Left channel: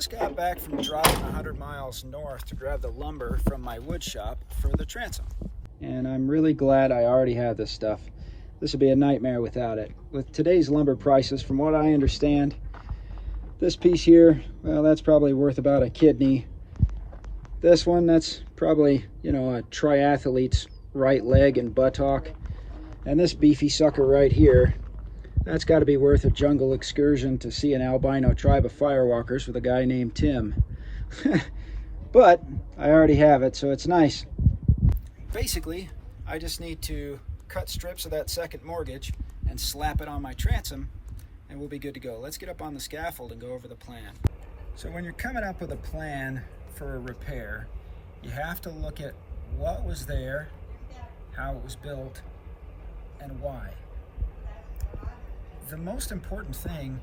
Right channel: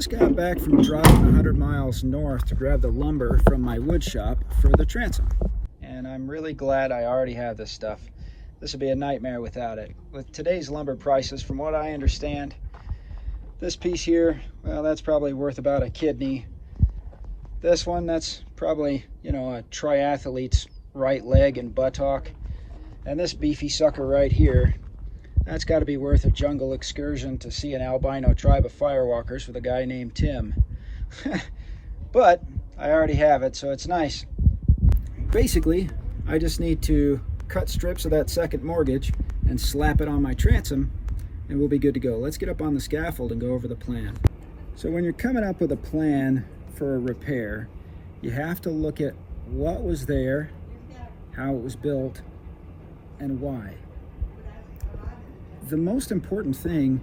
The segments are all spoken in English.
just got back from driving 100 miles north to grab the lumber from my wood shop for the transom. And I'm really glad I already have this stuff. This would be a nightmare without it. With today's lumber prices, from what I understand, this piece here, well, that's probably worth about a kidney. This one, that's probably, you know, a triathlete's right leg and buttock. And this beefy sucker right here, that's got to be worth a jungle excursion to see an albino tribe of firewalkers with a guy named Tim. But I already have it, so it's nice. Basically, I just need to cut strips of that second mortgage and slap it on my transom, and we'll be good to go. Let's get up on the scaffold and go over the plan. So when you're coming up with a plan for a repair, you have to look at what was there, how it was built, and why. The most important thing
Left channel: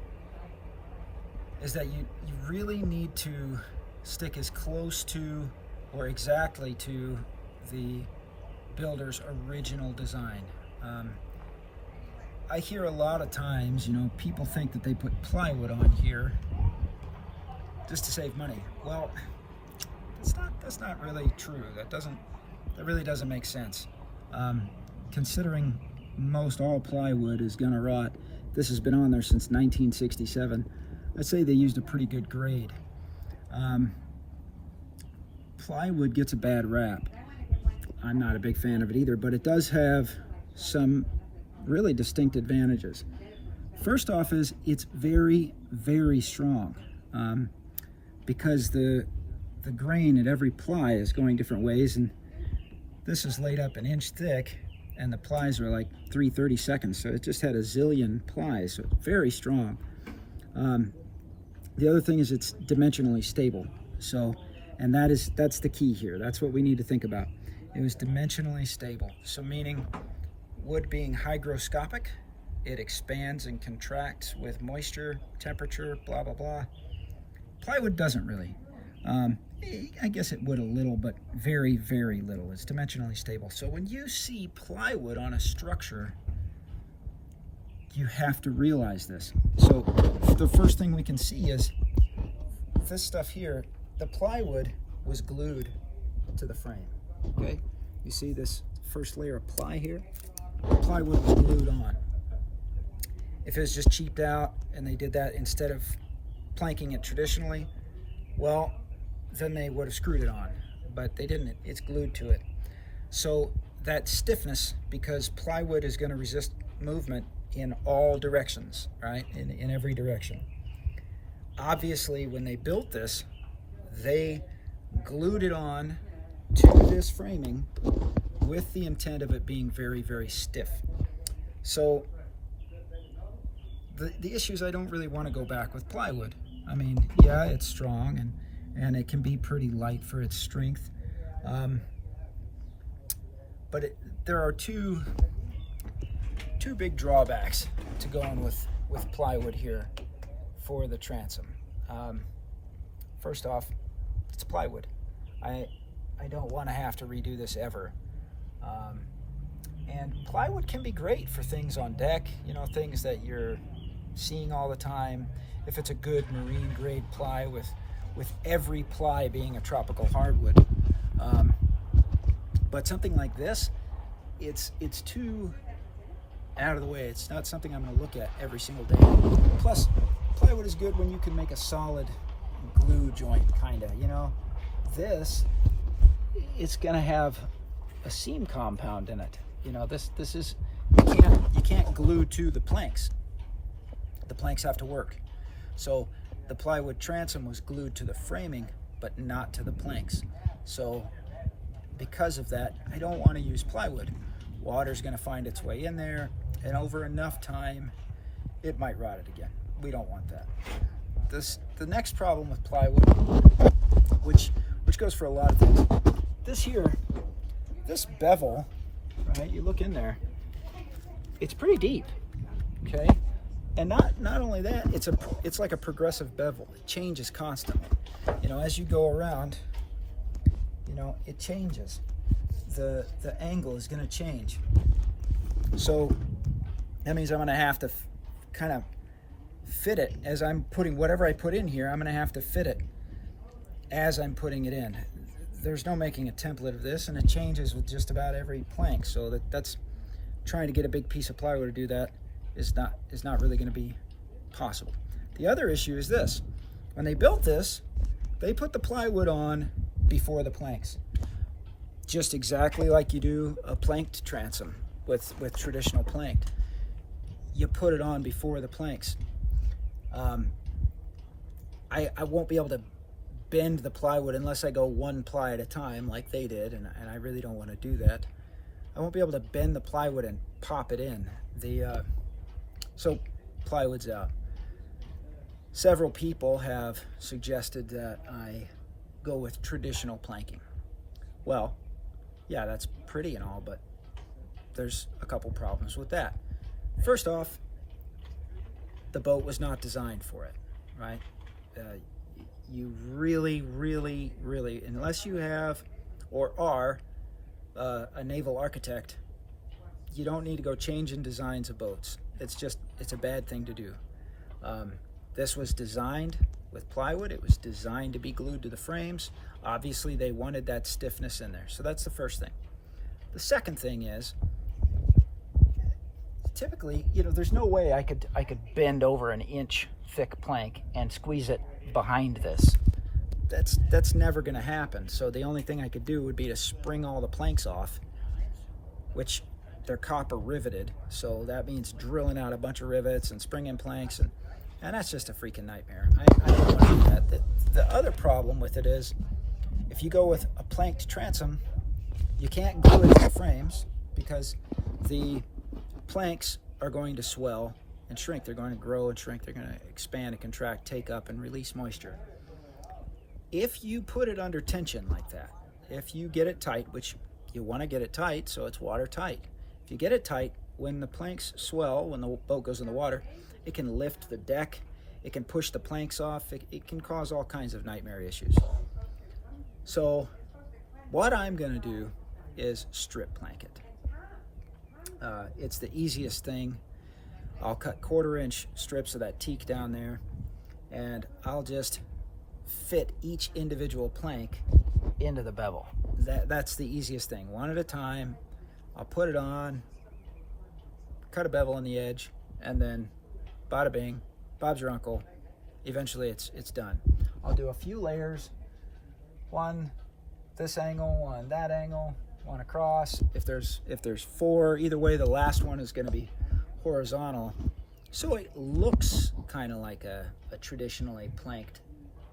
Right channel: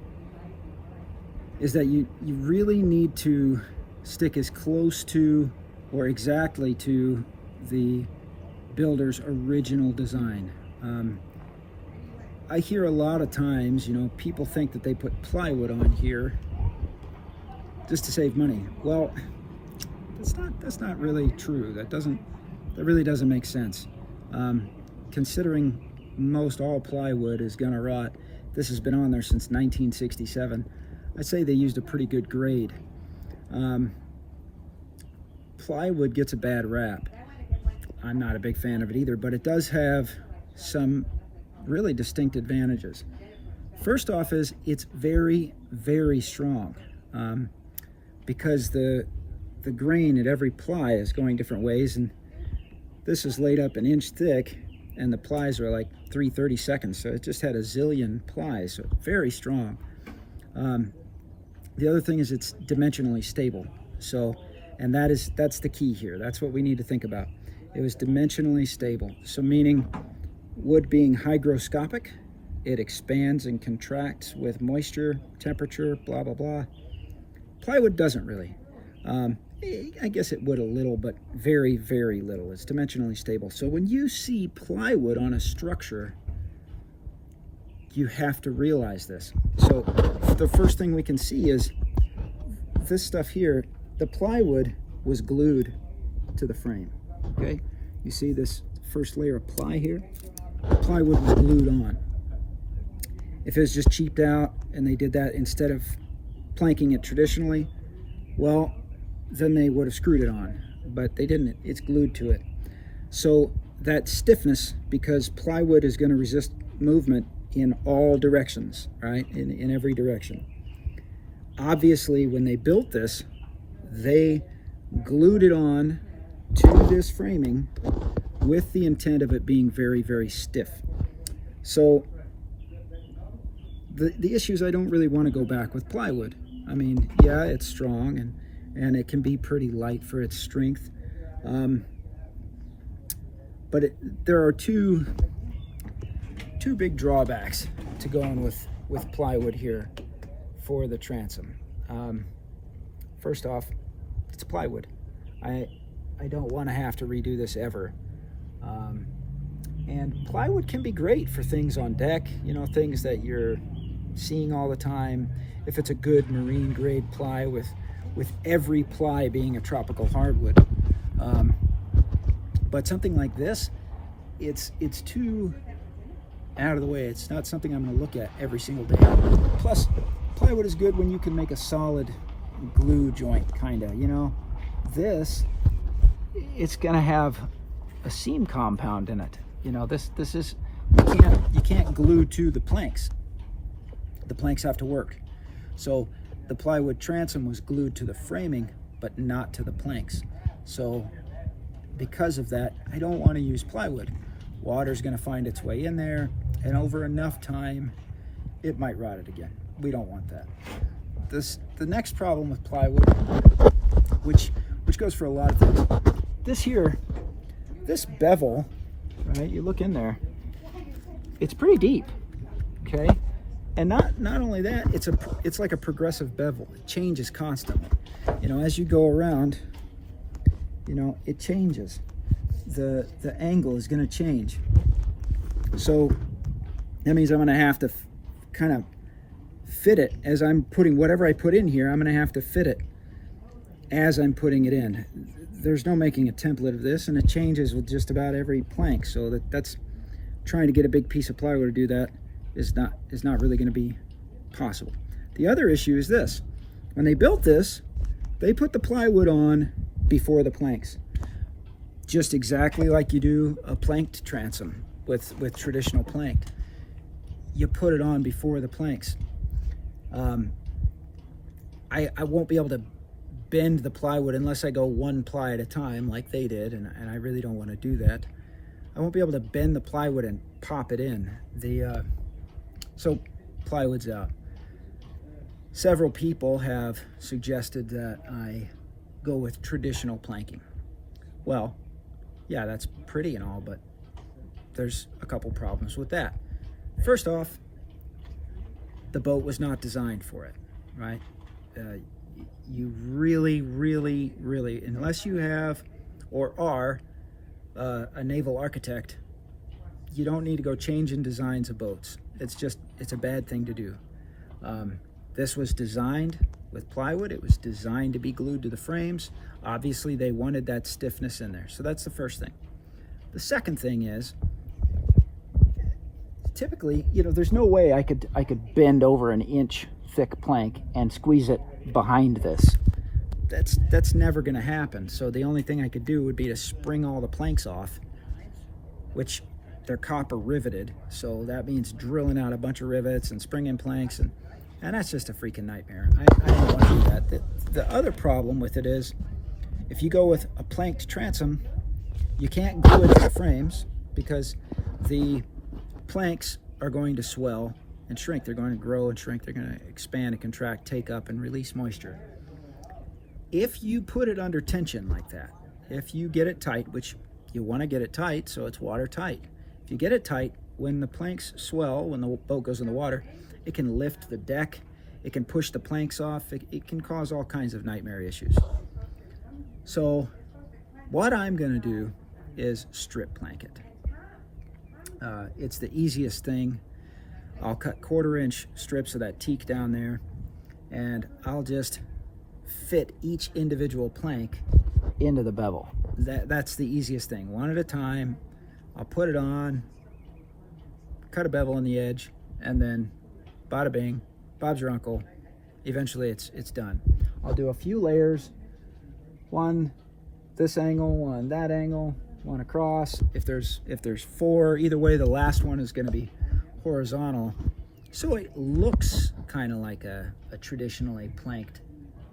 is that you really need to stick as close to or exactly to the builder's original design. I hear a lot of times, you know, people think that they put plywood on here just to save money. Well, that's not really true. That really doesn't make sense. Considering most all plywood is gonna rot. This has been on there since 1967. I'd say they used a pretty good grade. Plywood gets a bad rap. I'm not a big fan of it either, but it does have some really distinct advantages. First off is it's very, very strong, because the grain at every ply is going different ways, and this is laid up an inch thick, and the plies are like 3/32, so it just had a zillion plies, so very strong. The other thing is it's dimensionally stable, so, and that's the key here. That's what we need to think about. It was dimensionally stable, so meaning wood being hygroscopic, it expands and contracts with moisture, temperature, blah, blah, blah. Plywood doesn't really. I guess it would a little, but very, very little. It's dimensionally stable. So when you see plywood on a structure, you have to realize this. So the first thing we can see is this stuff here, the plywood was glued to the frame, okay? You see this first layer of ply here? The plywood was glued on. If it was just cheaped out and they did that instead of planking it traditionally, well, then they would have screwed it on, but they didn't. It's glued to it. So that stiffness, because plywood is going to resist movement in all directions, right? In every direction. Obviously, when they built this, they glued it on to this framing with the intent of it being very, very stiff. So the issue is I don't really want to go back with plywood. I mean, yeah, it's strong and it can be pretty light for its strength. But there are two big drawbacks to going with plywood here for the transom. First off, it's plywood. I don't want to have to redo this ever. And plywood can be great for things on deck, you know, things that you're seeing all the time. If it's a good marine grade ply with every ply being a tropical hardwood. But something like this, it's too out of the way. It's not something I'm going to look at every single day. Plus, plywood is good when you can make a solid glue joint, kind of, you know. This, it's going to have a seam compound in it. You know, this is, you can't glue to the planks. The planks have to work. So the plywood transom was glued to the framing, but not to the planks. So because of that, I don't want to use plywood. Water's going to find its way in there, and over enough time, it might rot it again. We don't want that. The next problem with plywood, which goes for a lot of things, this here, this bevel, right, you look in there, it's pretty deep, okay? And not only that, it's like a progressive bevel. It changes constantly. You know, as you go around, you know, it changes. The angle is going to change. So that means I'm going to have to kind of fit it as I'm putting whatever I put in here. I'm going to have to fit it as I'm putting it in. There's no making a template of this, and it changes with just about every plank. So that's trying to get a big piece of plywood to do that is not really going to be possible. The other issue is this: when they built this, they put the plywood on before the planks, just exactly like you do a planked transom with traditional plank. You put it on before the planks. I won't be able to bend the plywood unless I go one ply at a time like they did, and I really don't want to do that. I won't be able to bend the plywood and pop it in. So plywood's out. Several people have suggested that I go with traditional planking. Well, yeah, that's pretty and all, but there's a couple problems with that. First off, the boat was not designed for it, right? You really, unless you have or are a naval architect, you don't need to go changing designs of boats. It's a bad thing to do. This was designed with plywood. It was designed to be glued to the frames. Obviously, they wanted that stiffness in there. So that's the first thing. The second thing is, typically, there's no way I could bend over an inch thick plank and squeeze it behind this. That's never going to happen. So the only thing I could do would be to spring all the planks off, which they're copper riveted. So that means drilling out a bunch of rivets and springing planks, and that's just a freaking nightmare. I don't want to do that. The other problem with it is, if you go with a planked transom, you can't glue it to the frames because the planks are going to swell and shrink. They're going to grow and shrink. They're going to expand and contract, take up and release moisture. If you put it under tension like that, if you get it tight, which you want to get it tight so it's watertight. If you get it tight, when the planks swell, when the boat goes in the water, it can lift the deck, it can push the planks off, it can cause all kinds of nightmare issues. So what I'm going to do is strip plank it. It's the easiest thing. I'll cut 1/4 inch strips of that teak down there, and I'll just fit each individual plank into the bevel. That's the easiest thing. One at a time. I'll put it on, cut a bevel on the edge, and then bada bing, Bob's your uncle. Eventually it's done. I'll do a few layers, one this angle, one that angle, one across. If there's 4, either way, the last one is going to be horizontal, so it looks kind of like a traditionally planked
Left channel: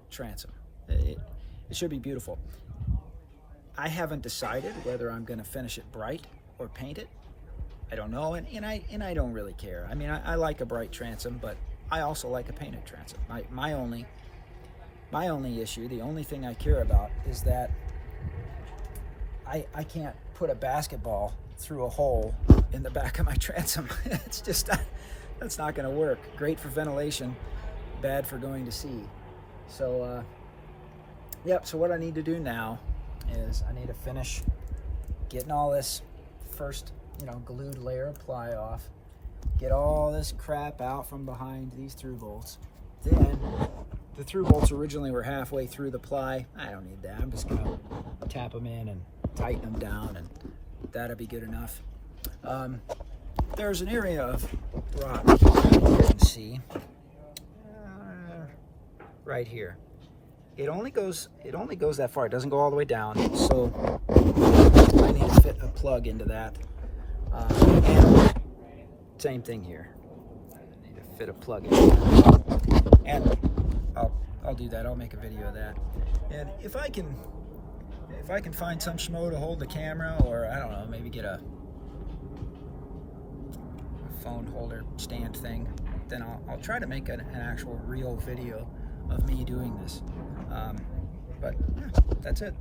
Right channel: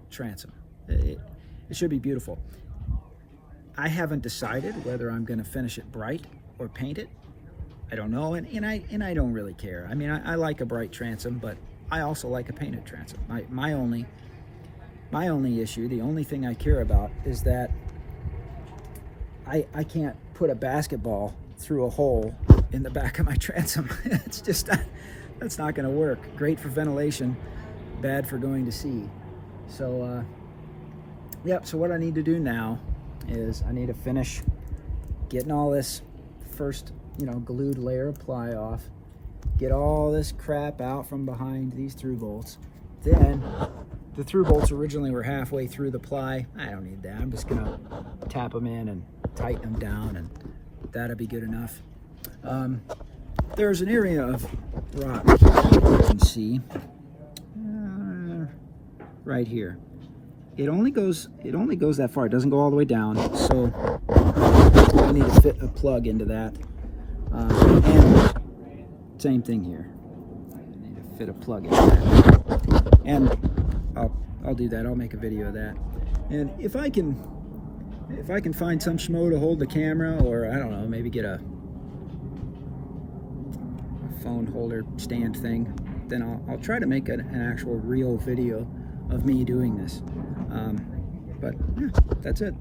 transom. It should be beautiful. I haven't decided whether I'm going to finish it bright or paint it. I don't know, and I don't really care. I mean, I like a bright transom, but I also like a painted transom. My only issue, the only thing I care about, is that I can't put a basketball through a hole in the back of my transom. It's just, that's not going to work. Great for ventilation, bad for going to sea. So, yep, so what I need to do now is I need to finish getting all this first, glued layer of ply off, get all this crap out from behind these through bolts. Then, the through bolts originally were halfway through the ply. I don't need that. I'm just going to tap them in and tighten them down, and that'll be good enough. There's an area of rock you can see right here. It only goes that far. It doesn't go all the way down. So I need to fit a plug into that. And same thing here. I need to fit a plug into that. And I'll do that. I'll make a video of that. And if I can find some schmo to hold the camera, or I don't know, maybe get a phone holder stand thing, then I'll try to make an actual real video of me doing this. But yeah, that's it.